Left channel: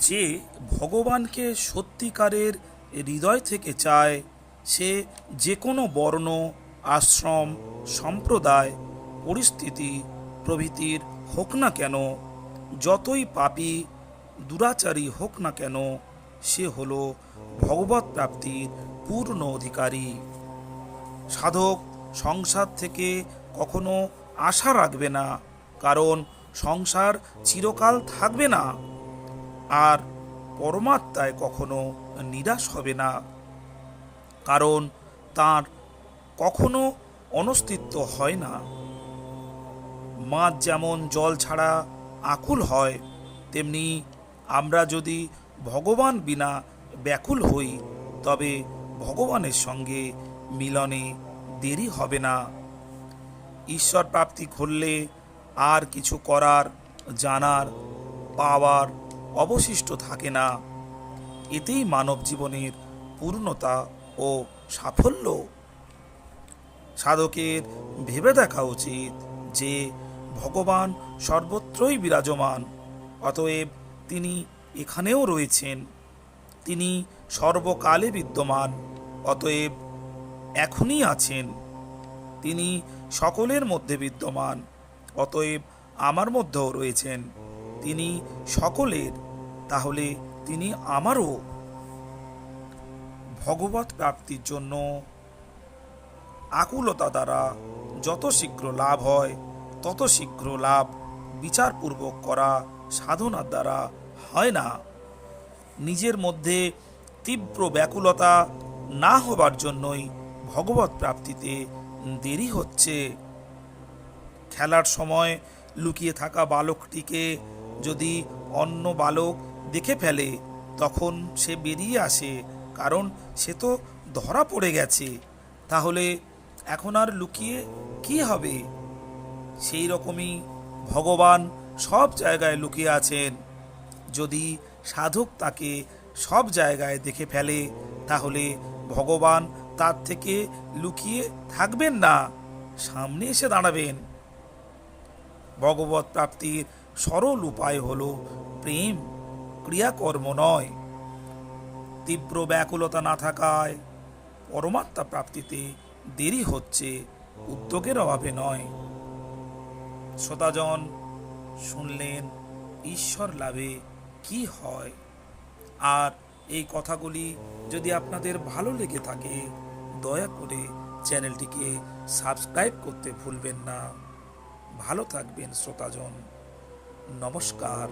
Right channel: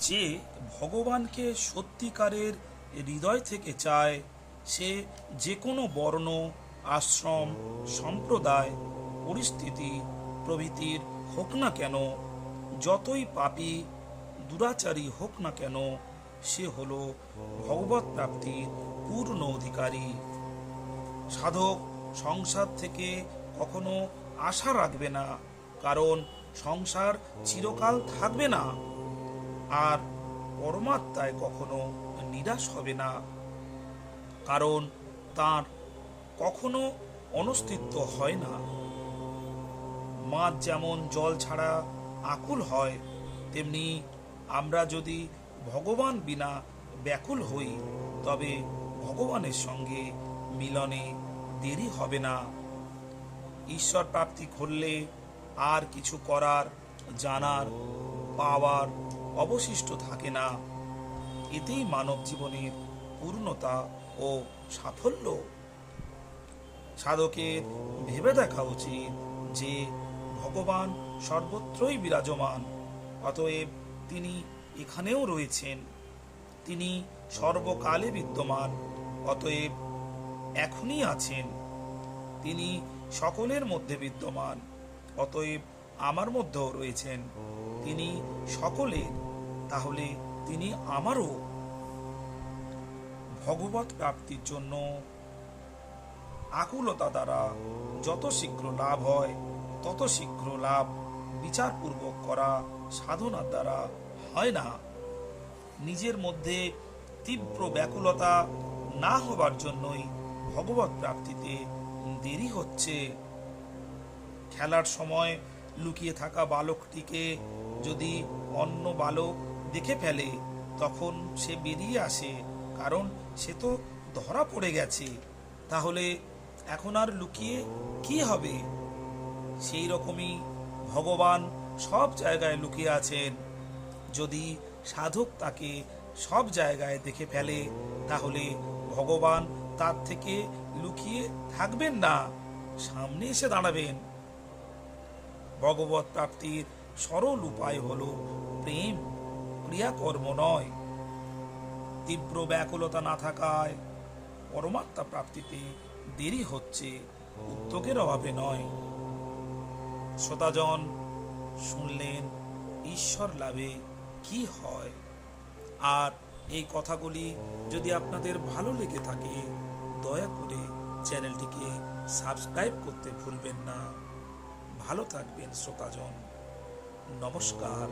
যে ভগবানকে সত্যিকারের হৃদয় থেকে চায়, সে যে কোনো বর্ণ, আশ্রম, সম্প্রদায়, পরিস্থিতি প্রভৃতির হোক না কেন, যতই পাপী দুরাচারী হোক না কেন, সে হল ভগবৎ প্রাপ্তির পূর্ণ অধিকারী। সাধক সংসার থেকে কখনো আশা রাখবে না, কারণ সংসার চিরকাল থাকবে না। আর পরমাত্মায় কখনো নিরাশ হবে না, কারণ তার কখনো অনস্তিত্ব হয় না। মাছ যেমন জল ছাড়া আকুল হয়, তেমনি আমরা যদি ভগবান বিনা ব্যাকুল হই, তবে ভগবানের সঙ্গে মিলনে দেরি হবে না। ঈশ্বর প্রাপ্তি করলে আর কিছু করার, জানার, পাওয়ার অবশিষ্ট থাকে না। এতেই মানব জীবনের পূর্ণতা ও সাফল্য। সাধকের ভেবে দেখা উচিত যে ভগবান সর্বত্রই বিরাজমান, অতএব তিনি এখানেও রয়েছেন। তিনি সর্বকালে বিদ্যমান, অতএব এখনই আছেন। তিনি সকলের মধ্যে বিদ্যমান, অতএব আমার মধ্যেও রয়েছেন। তিনি সকলের, তাহলে তিনি আমারও। ভগবৎ প্রাপ্তির জন্য আকুলতা দ্বারা যত শীঘ্র লাভ হয়, তত শীঘ্র লাভ বিচারপূর্বক করা সাধনার দ্বারা হয় না। নিজের মধ্যে তীব্র ব্যাকুলতা না হবার জন্যই ভগবৎ প্রাপ্তিতে দেরি হচ্ছে। খেলার সময় লুকিয়ে থাকা বালকটিকে যদি অন্য বালক দেখে ফেলে, তখন সে বেরিয়ে আসে, কারণ সে তো ধরা পড়ে গেছে। তাহলে এখন আর লুকিয়ে কি হবে? সেই রকমই ভগবান সব জায়গায় লুকিয়ে আছেন। যদি সাধক তাকে সব জায়গায় দেখে ফেলে, তাহলে ভগবান তার থেকে লুকিয়ে থাকবেন না, সামনে এসে দাঁড়াবেন। ভগবৎ প্রাপ্তির সরল উপায় হল প্রেম, ক্রিয়াকর্ম নয়। তীব্র ব্যাকুলতা না থাকায় পরমাত্মা প্রাপ্তিতে দেরি হচ্ছে, উদ্যোগের অভাবে নয়। শ্রোতাজন শুনলেন ঈশ্বর লাভে কি হয়। আর এই কথাগুলি যদি আপনাদের ভালো লেগে থাকে, দয়া করে চ্যানেলটিকে সাবস্ক্রাইব করতে ভুলবেন না। ভালো থাকবেন শ্রোতাজন। নমস্কার।